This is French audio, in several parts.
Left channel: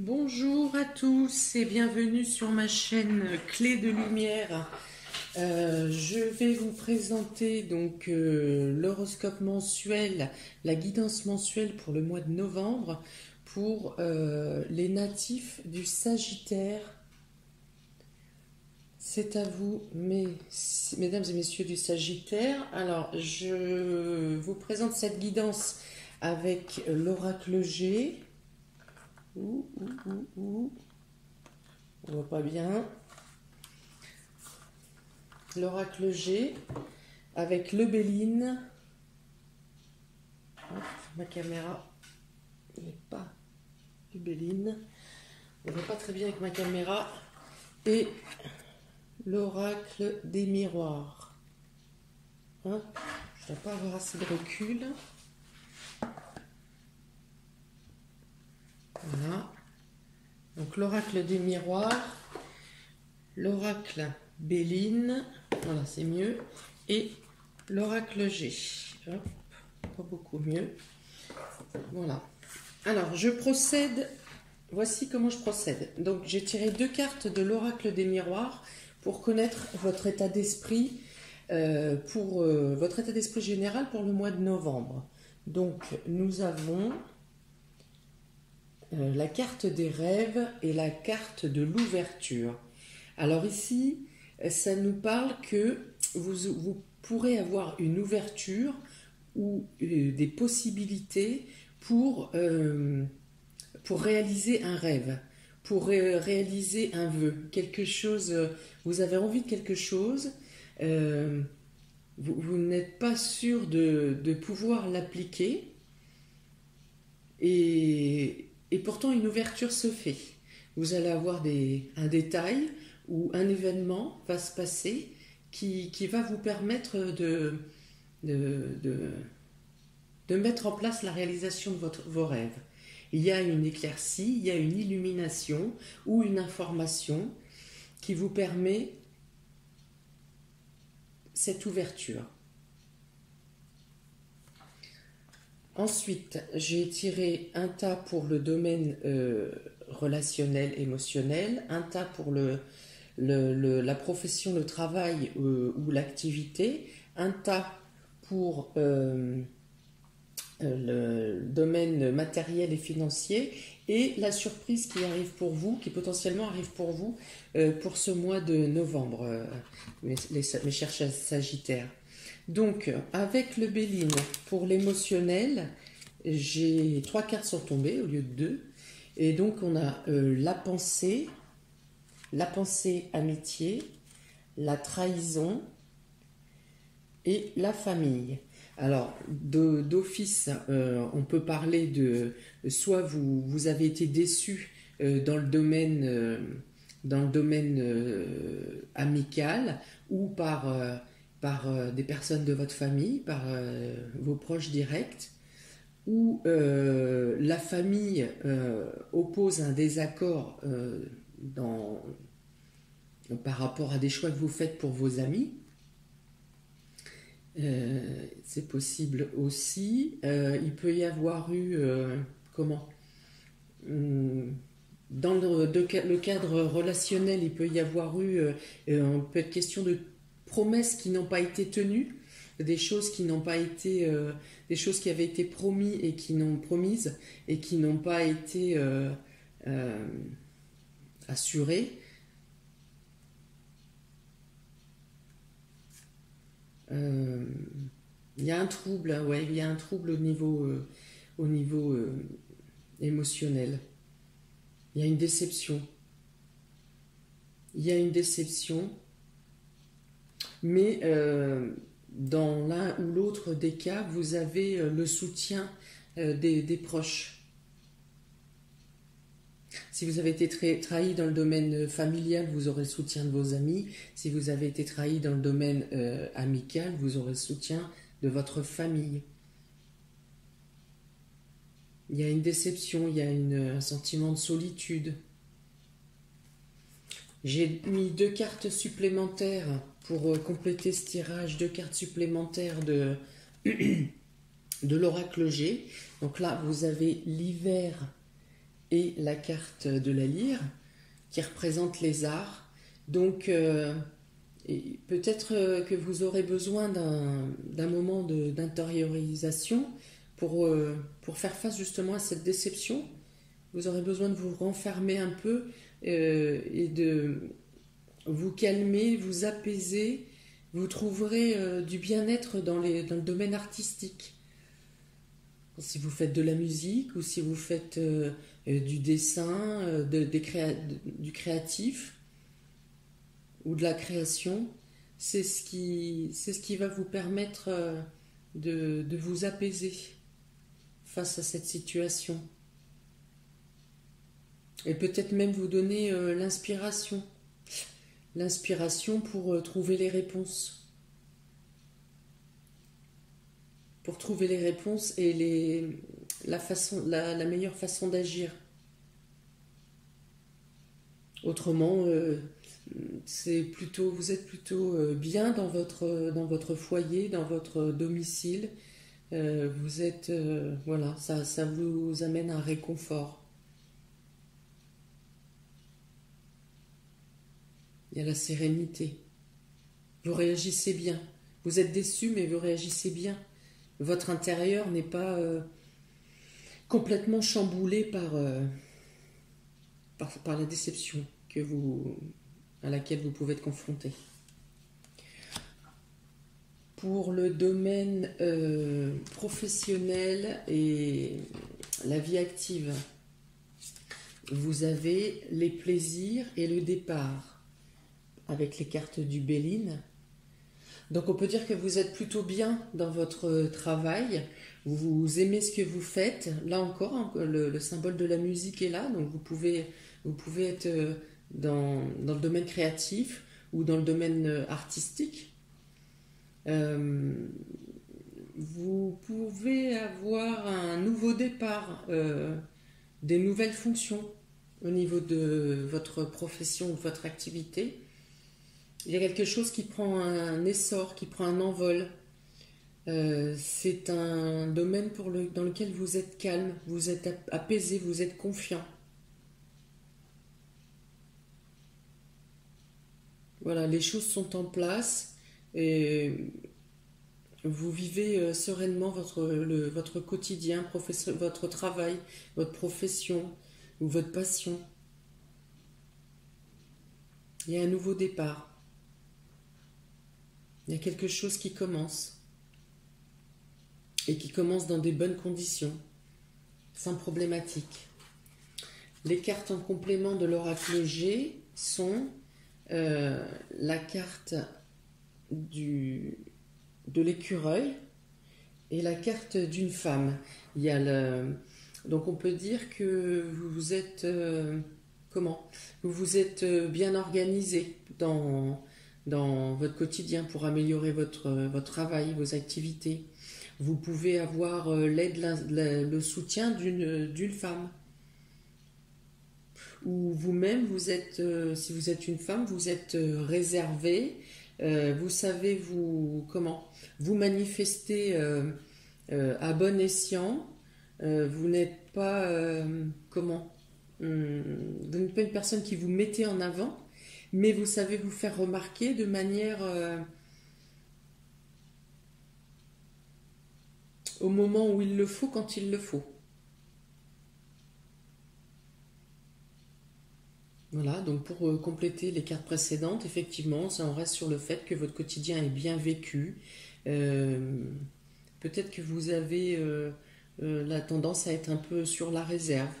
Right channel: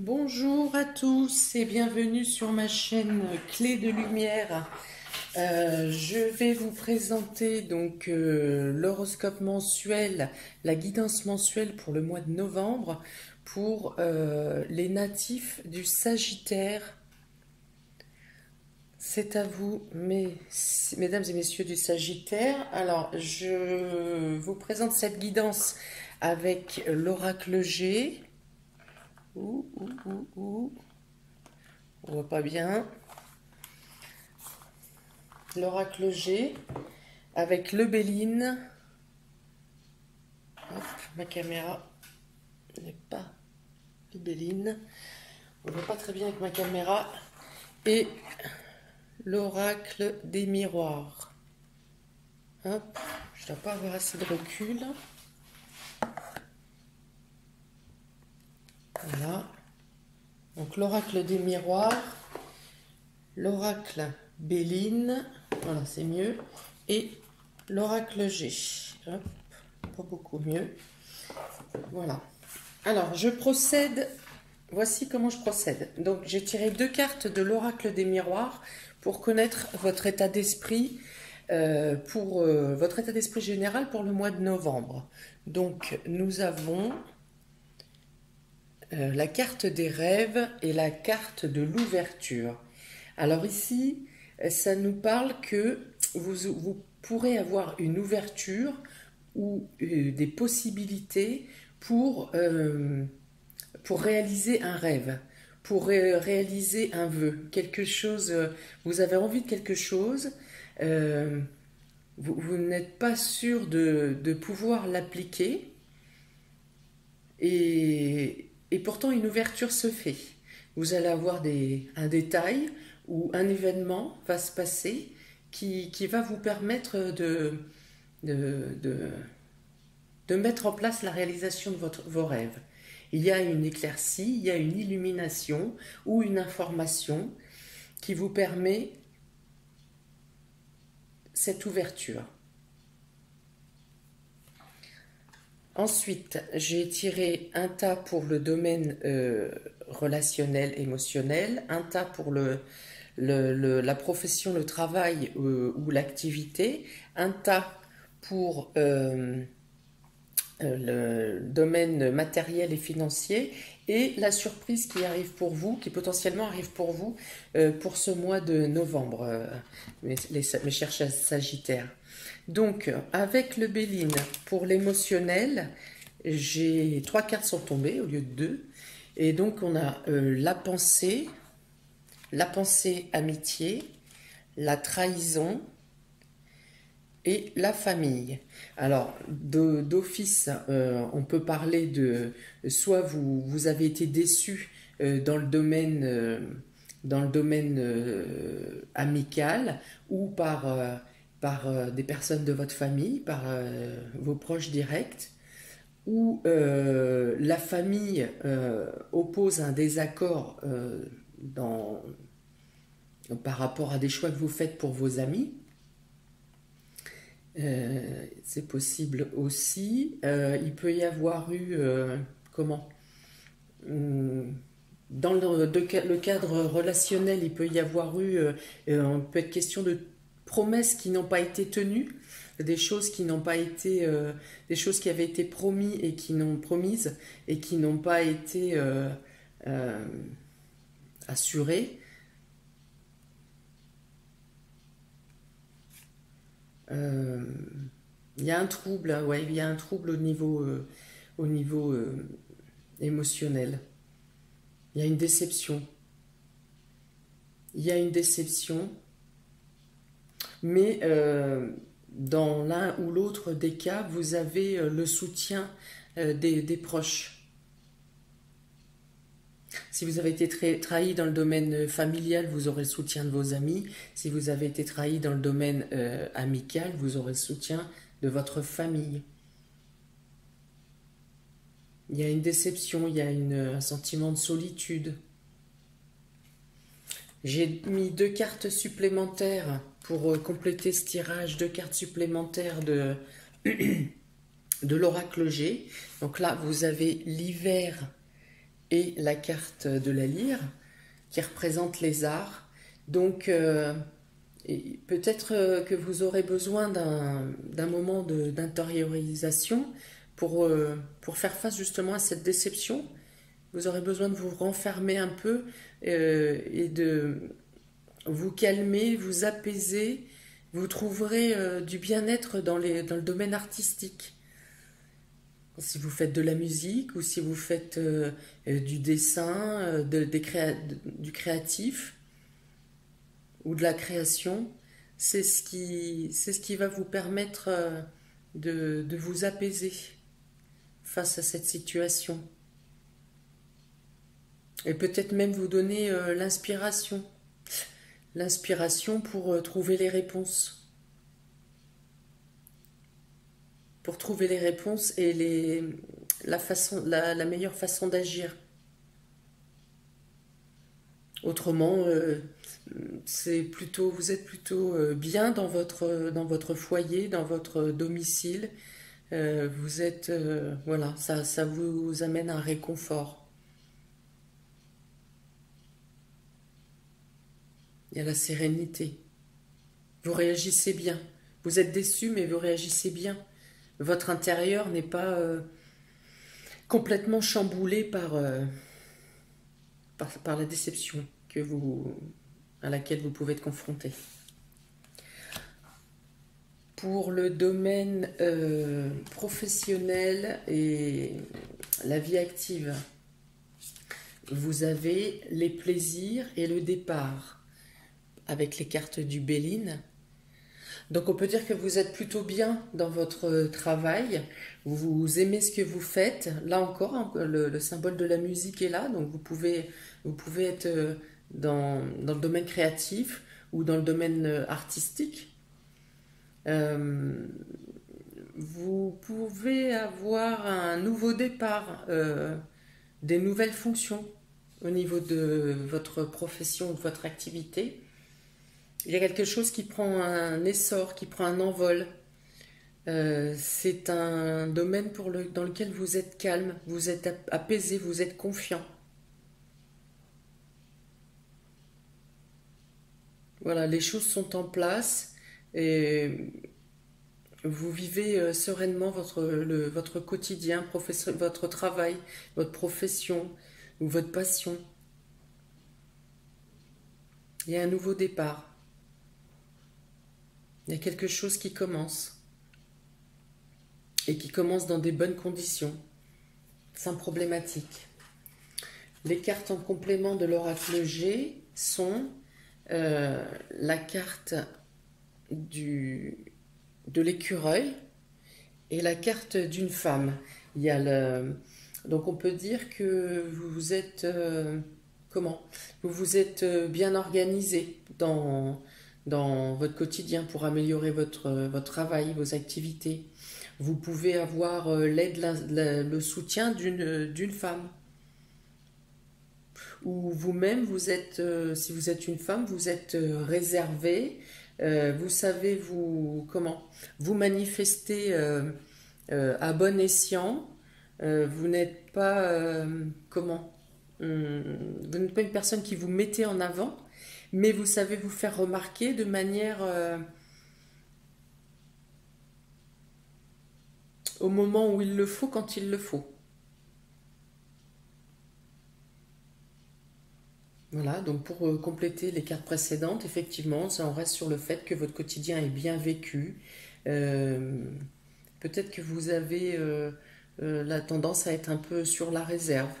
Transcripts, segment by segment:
Bonjour à tous et bienvenue sur ma chaîne Clé de Lumière. Je vais vous présenter donc l'horoscope mensuel, la guidance mensuelle pour le mois de novembre pour les natifs du Sagittaire. C'est à vous, mesdames et messieurs du Sagittaire. Alors, je vous présente cette guidance avec l'oracle G. On voit pas bien. L'oracle G avec le Béline. Ma caméra n'est pas le Béline. On ne voit pas très bien avec ma caméra. Et l'oracle des miroirs. Hop, je ne dois pas avoir assez de recul. Voilà. Donc l'oracle des miroirs, l'oracle Béline, voilà c'est mieux, et l'oracle G. Hop, pas beaucoup mieux. Voilà. Alors je procède, voici comment je procède. Donc j'ai tiré 2 cartes de l'oracle des miroirs pour connaître votre état d'esprit, votre état d'esprit général pour le mois de novembre. Donc nous avons la carte des rêves et la carte de l'ouverture. Alors ici, ça nous parle que vous pourrez avoir une ouverture ou des possibilités pour réaliser un rêve, pour réaliser un vœu, quelque chose, vous avez envie de quelque chose, vous n'êtes pas sûr de pouvoir l'appliquer et pourtant une ouverture se fait. Vous allez avoir un détail ou un événement va se passer qui va vous permettre de mettre en place la réalisation de vos rêves. Il y a une éclaircie, il y a une illumination ou une information qui vous permet cette ouverture. Ensuite, j'ai tiré un tas pour le domaine relationnel, émotionnel, un tas pour la profession, le travail ou l'activité, un tas pour le domaine matériel et financier, et la surprise qui arrive pour vous, qui potentiellement arrive pour vous pour ce mois de novembre, mes chers Sagittaires. Donc, avec le Béline, pour l'émotionnel, j'ai 3 cartes sont tombées au lieu de 2. Et donc, on a la pensée amitié, la trahison et la famille. Alors, d'office, on peut parler de soit vous avez été déçu dans le domaine amical ou par des personnes de votre famille, par vos proches directs, ou la famille oppose un désaccord par rapport à des choix que vous faites pour vos amis. C'est possible aussi. Il peut y avoir eu, dans le cadre relationnel, il peut y avoir eu, peut être question de promesses qui n'ont pas été tenues, des choses qui n'ont pas été, des choses qui avaient été promises et qui n'ont pas été assurées. Il y a un trouble, ouais, il y a un trouble au niveau émotionnel. Il y a une déception. Mais dans l'un ou l'autre des cas, vous avez le soutien des proches. Si vous avez été trahi dans le domaine familial, vous aurez le soutien de vos amis. Si vous avez été trahi dans le domaine amical, vous aurez le soutien de votre famille. Il y a une déception, il y a un sentiment de solitude. J'ai mis 2 cartes supplémentaires pour compléter ce tirage, 2 cartes supplémentaires de l'oracle G. Donc là, vous avez l'hiver et la carte de la lyre qui représente les arts. Donc peut-être que vous aurez besoin d'un moment d'intériorisation pour faire face justement à cette déception. Vous aurez besoin de vous renfermer un peu et de vous calmer, vous apaiser. Vous trouverez du bien-être dans le domaine artistique. Si vous faites de la musique ou si vous faites du dessin, du créatif ou de la création, c'est ce qui va vous permettre de vous apaiser face à cette situation. Et peut-être même vous donner l'inspiration pour trouver les réponses. Pour trouver les réponses et la meilleure façon d'agir. Autrement, vous êtes plutôt bien dans votre foyer, dans votre domicile. Vous êtes, voilà, ça vous amène un réconfort. Il y a la sérénité. Vous réagissez bien. Vous êtes déçu, mais vous réagissez bien. Votre intérieur n'est pas complètement chamboulé par la déception à laquelle vous pouvez être confronté. Pour le domaine professionnel et la vie active, vous avez les plaisirs et le départ avec les cartes du Béline. Donc on peut dire que vous êtes plutôt bien dans votre travail, vous aimez ce que vous faites. Là encore, le symbole de la musique est là, donc vous pouvez être dans le domaine créatif ou dans le domaine artistique. Vous pouvez avoir un nouveau départ, des nouvelles fonctions au niveau de votre profession, de votre activité. Il y a quelque chose qui prend un essor, qui prend un envol. C'est un domaine dans lequel vous êtes calme, vous êtes apaisé, vous êtes confiant. Voilà, les choses sont en place et vous vivez sereinement votre quotidien, votre travail, votre profession ou votre passion. Il y a un nouveau départ. Il y a quelque chose qui commence et qui commence dans des bonnes conditions, sans problématique. Les cartes en complément de l'oracle G sont la carte de l'écureuil et la carte d'une femme. Donc on peut dire que vous êtes vous vous êtes bien organisé dans votre quotidien pour améliorer votre travail, vos activités. Vous pouvez avoir l'aide, le soutien d'une femme. Ou vous-même, si vous êtes une femme, vous êtes réservé, vous savez vous manifester à bon escient. Vous n'êtes pas vous n'êtes pas une personne qui vous mettez en avant, mais vous savez vous faire remarquer de manière au moment où il le faut, quand il le faut. Voilà, donc pour compléter les cartes précédentes, effectivement, ça en reste sur le fait que votre quotidien est bien vécu. Peut-être que vous avez la tendance à être un peu sur la réserve.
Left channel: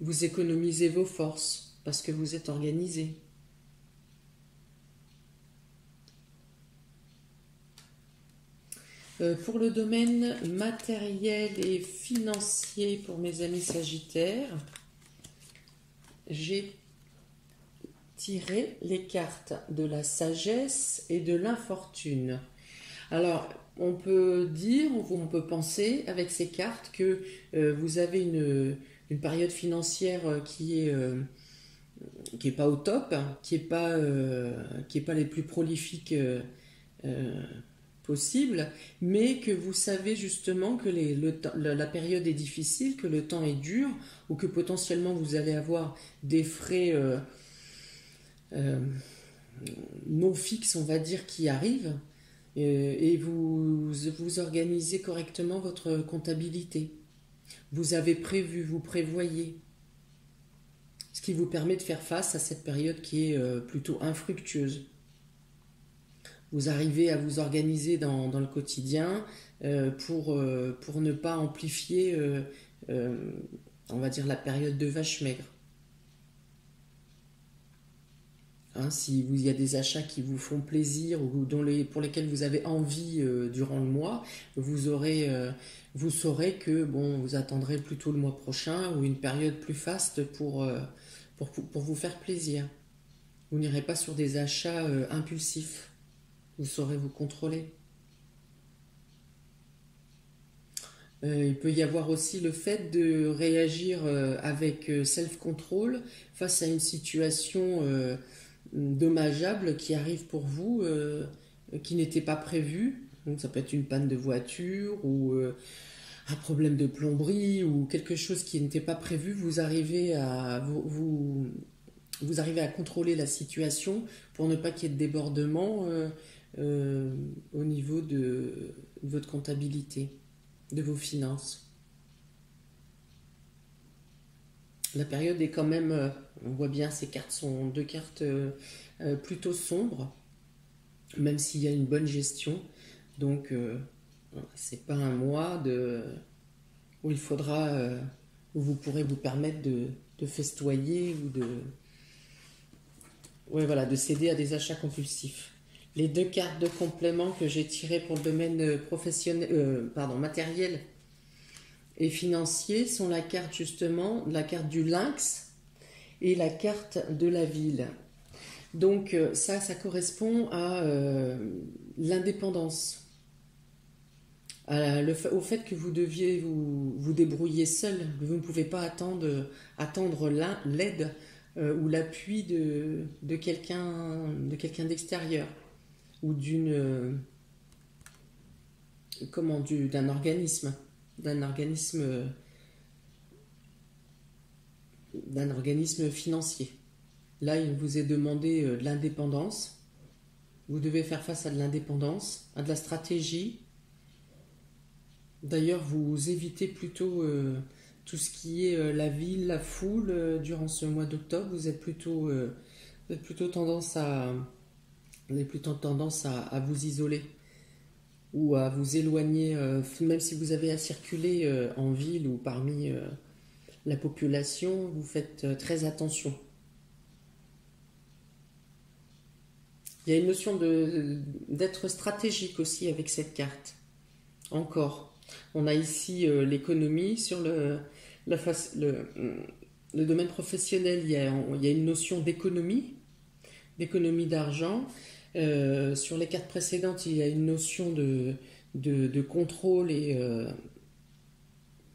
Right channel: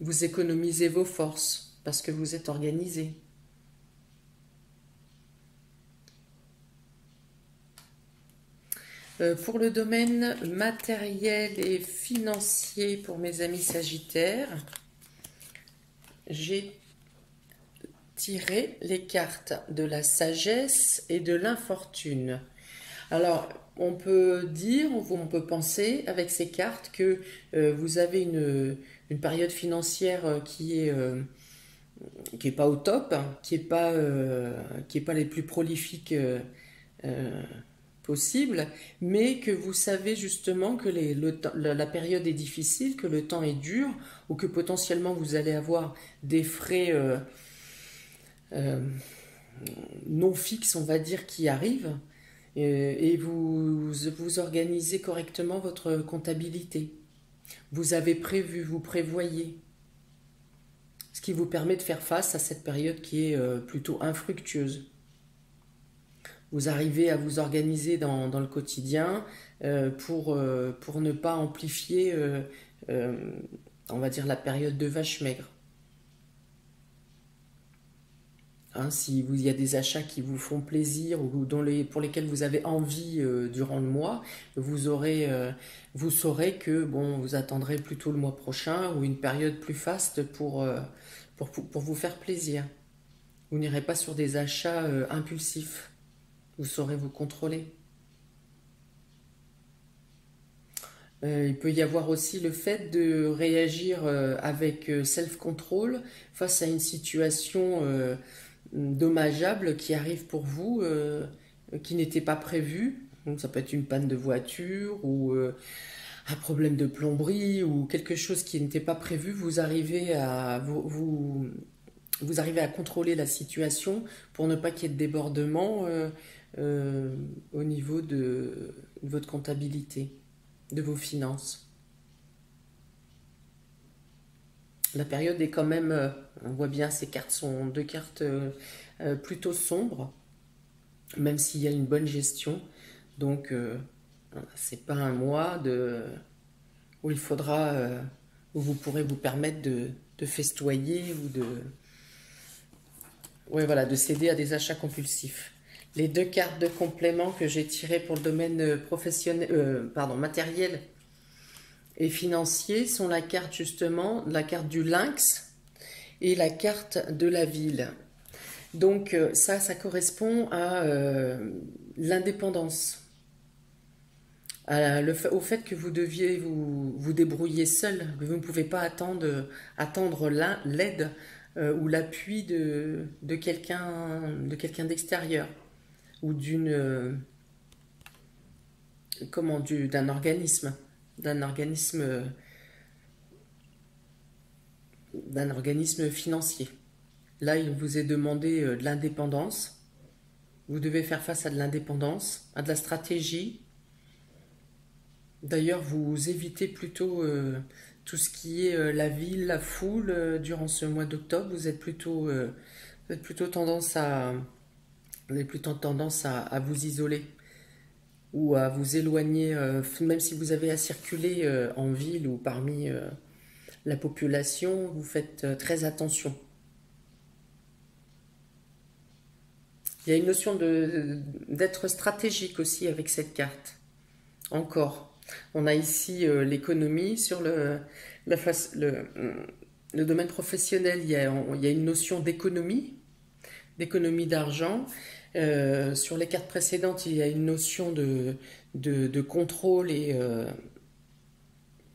Vous économisez vos forces parce que vous êtes organisé. Pour le domaine matériel et financier pour mes amis sagittaires, j'ai tiré les cartes de la sagesse et de l'infortune. Alors, on peut dire, ou on peut penser avec ces cartes que vous avez une période financière qui est pas au top, qui est pas les plus prolifiques possible, mais que vous savez justement que la période est difficile, que le temps est dur, ou que potentiellement vous allez avoir des frais non fixes, on va dire, qui arrivent, et vous organisez correctement votre comptabilité. Vous avez prévu, vous prévoyez, ce qui vous permet de faire face à cette période qui est plutôt infructueuse. Vous arrivez à vous organiser dans le quotidien pour ne pas amplifier, on va dire, la période de vache maigre. Hein, il y a des achats qui vous font plaisir ou pour lesquels vous avez envie durant le mois, vous saurez que vous attendrez plutôt le mois prochain ou une période plus faste pour vous faire plaisir. Vous n'irez pas sur des achats impulsifs. Vous saurez vous contrôler. Il peut y avoir aussi le fait de réagir avec self-control face à une situation dommageable qui arrive pour vous, qui n'était pas prévue. Donc ça peut être une panne de voiture ou un problème de plomberie ou quelque chose qui n'était pas prévu. Vous arrivez à contrôler la situation pour ne pas qu'il y ait de débordement au niveau de votre comptabilité, de vos finances. La période est quand même, on voit bien, ces cartes sont deux cartes plutôt sombres, même s'il y a une bonne gestion. Donc, c'est pas un mois où il faudra, où vous pourrez vous permettre de festoyer ou de céder à des achats compulsifs. Les deux cartes de complément que j'ai tirées pour le domaine matériel et financier sont la carte du lynx et la carte de la ville. Donc ça correspond à l'indépendance, au fait que vous deviez vous débrouiller seul. Vous ne pouvez pas attendre l'aide ou l'appui de quelqu'un d'extérieur ou d'un organisme financier. Là, il vous est demandé de l'indépendance. Vous devez faire face à de l'indépendance, à de la stratégie. D'ailleurs, vous évitez plutôt tout ce qui est la ville, la foule durant ce mois d'octobre. Vous avez plutôt tendance à vous isoler ou à vous éloigner, même si vous avez à circuler en ville ou parmi la population, vous faites très attention. Il y a une notion d'être stratégique aussi avec cette carte. Encore, on a ici l'économie sur le domaine professionnel. Il y a une notion d'économie d'argent. Sur les cartes précédentes, il y a une notion de contrôle et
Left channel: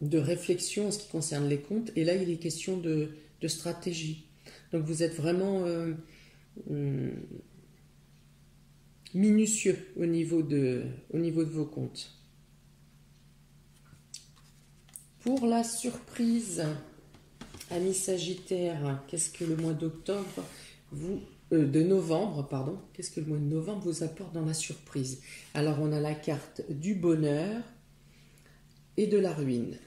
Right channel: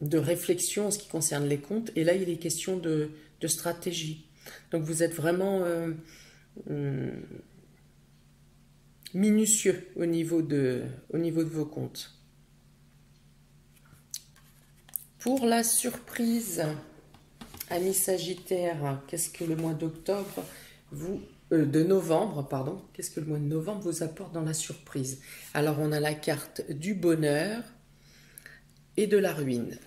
de réflexion en ce qui concerne les comptes. Et là, il est question de stratégie. Donc, vous êtes vraiment minutieux au niveau de vos comptes. Pour la surprise, amis Sagittaires, qu'est-ce que le mois d'octobre de novembre, pardon, qu'est-ce que le mois de novembre vous apporte dans la surprise? Alors, on a la carte du bonheur et de la ruine.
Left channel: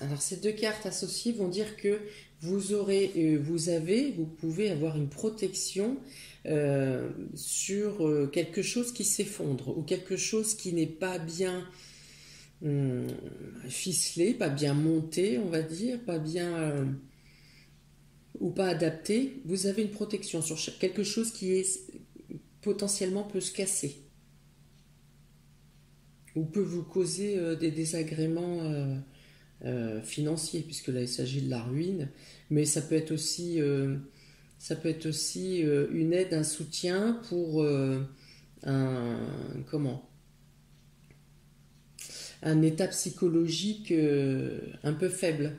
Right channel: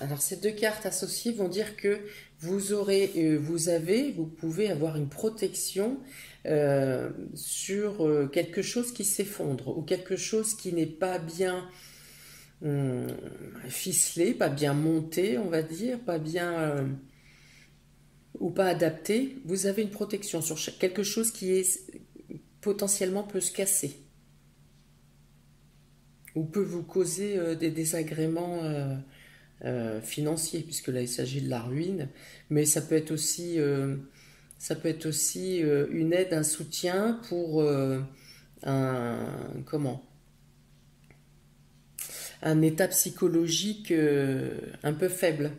Alors, ces deux cartes associées vont dire que vous pouvez avoir une protection sur quelque chose qui s'effondre ou quelque chose qui n'est pas bien ficelé, pas bien monté, on va dire, pas bien ou pas adapté. Vous avez une protection sur quelque chose qui potentiellement peut se casser ou peut vous causer des désagréments financiers, puisque là il s'agit de la ruine, mais ça peut être aussi une aide, un soutien pour un état psychologique un peu faible.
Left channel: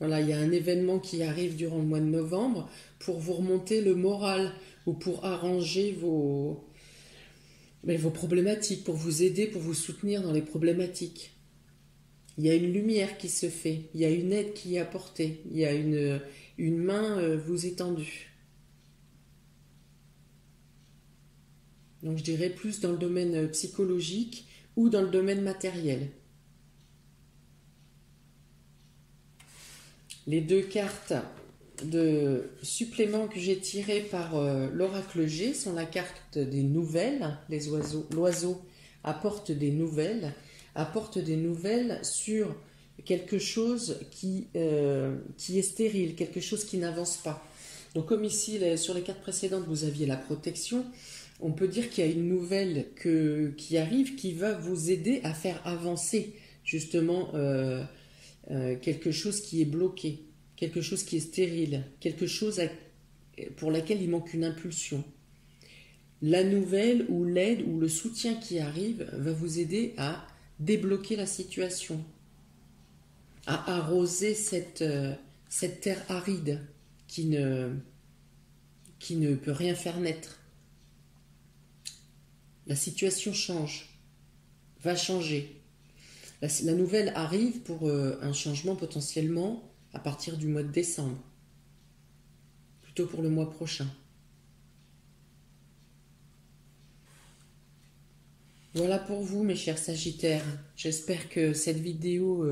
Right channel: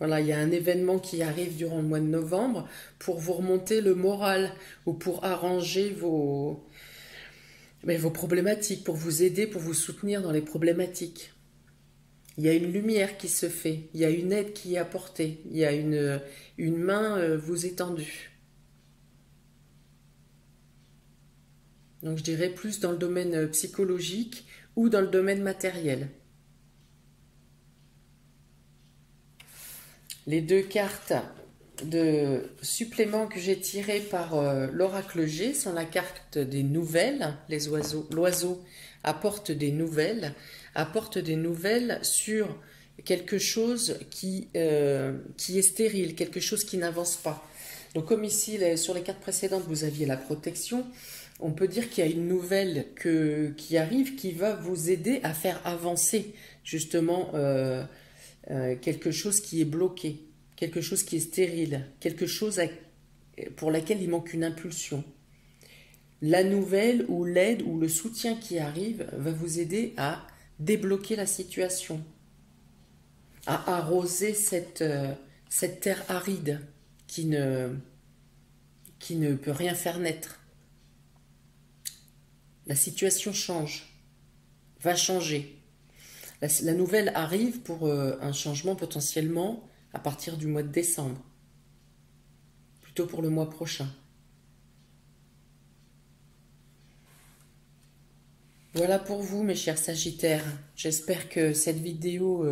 Voilà, il y a un événement qui arrive durant le mois de novembre pour vous remonter le moral ou pour arranger vos Mais vos problématiques, pour vous aider, pour vous soutenir dans les problématiques. Il y a une lumière qui se fait, il y a une aide qui est apportée, il y a une main vous étendue. Donc je dirais plus dans le domaine psychologique ou dans le domaine matériel. Les deux cartes de supplément que j'ai tirées par l'oracle G sont la carte des nouvelles. L'oiseau apporte des nouvelles sur quelque chose qui est stérile, quelque chose qui n'avance pas. Donc comme ici, sur les cartes précédentes, vous aviez la protection, on peut dire qu'il y a une nouvelle qui arrive, qui va vous aider à faire avancer justement quelque chose qui est bloqué, quelque chose qui est stérile, quelque chose pour laquelle il manque une impulsion. La nouvelle ou l'aide ou le soutien qui arrive va vous aider à débloquer la situation, à arroser cette terre aride qui ne peut rien faire naître. La situation change, va changer. La nouvelle arrive pour un changement potentiellement à partir du mois de décembre, plutôt pour le mois prochain. Voilà pour vous, mes chers Sagittaires. J'espère que cette vidéo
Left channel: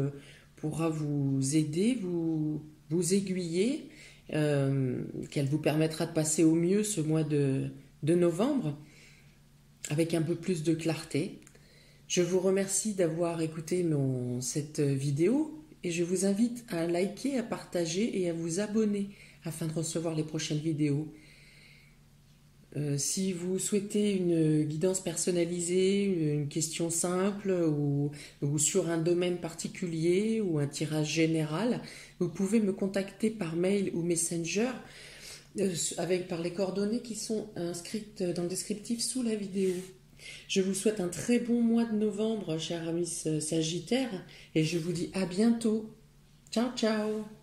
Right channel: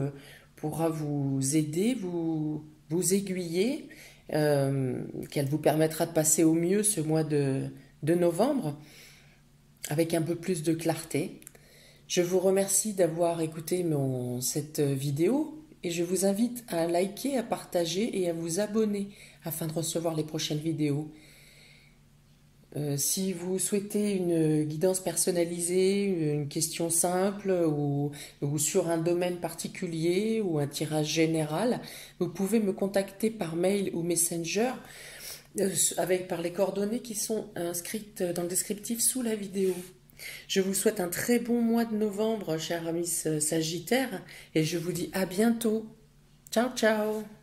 pourra vous aider, vous aiguiller, qu'elle vous permettra de passer au mieux ce mois de novembre avec un peu plus de clarté. Je vous remercie d'avoir écouté cette vidéo et je vous invite à liker, à partager et à vous abonner afin de recevoir les prochaines vidéos. Si vous souhaitez une guidance personnalisée, une question simple ou sur un domaine particulier ou un tirage général, vous pouvez me contacter par mail ou Messenger par les coordonnées qui sont inscrites dans le descriptif sous la vidéo. Je vous souhaite un très bon mois de novembre, chers amis Sagittaires, et je vous dis à bientôt. Ciao, ciao!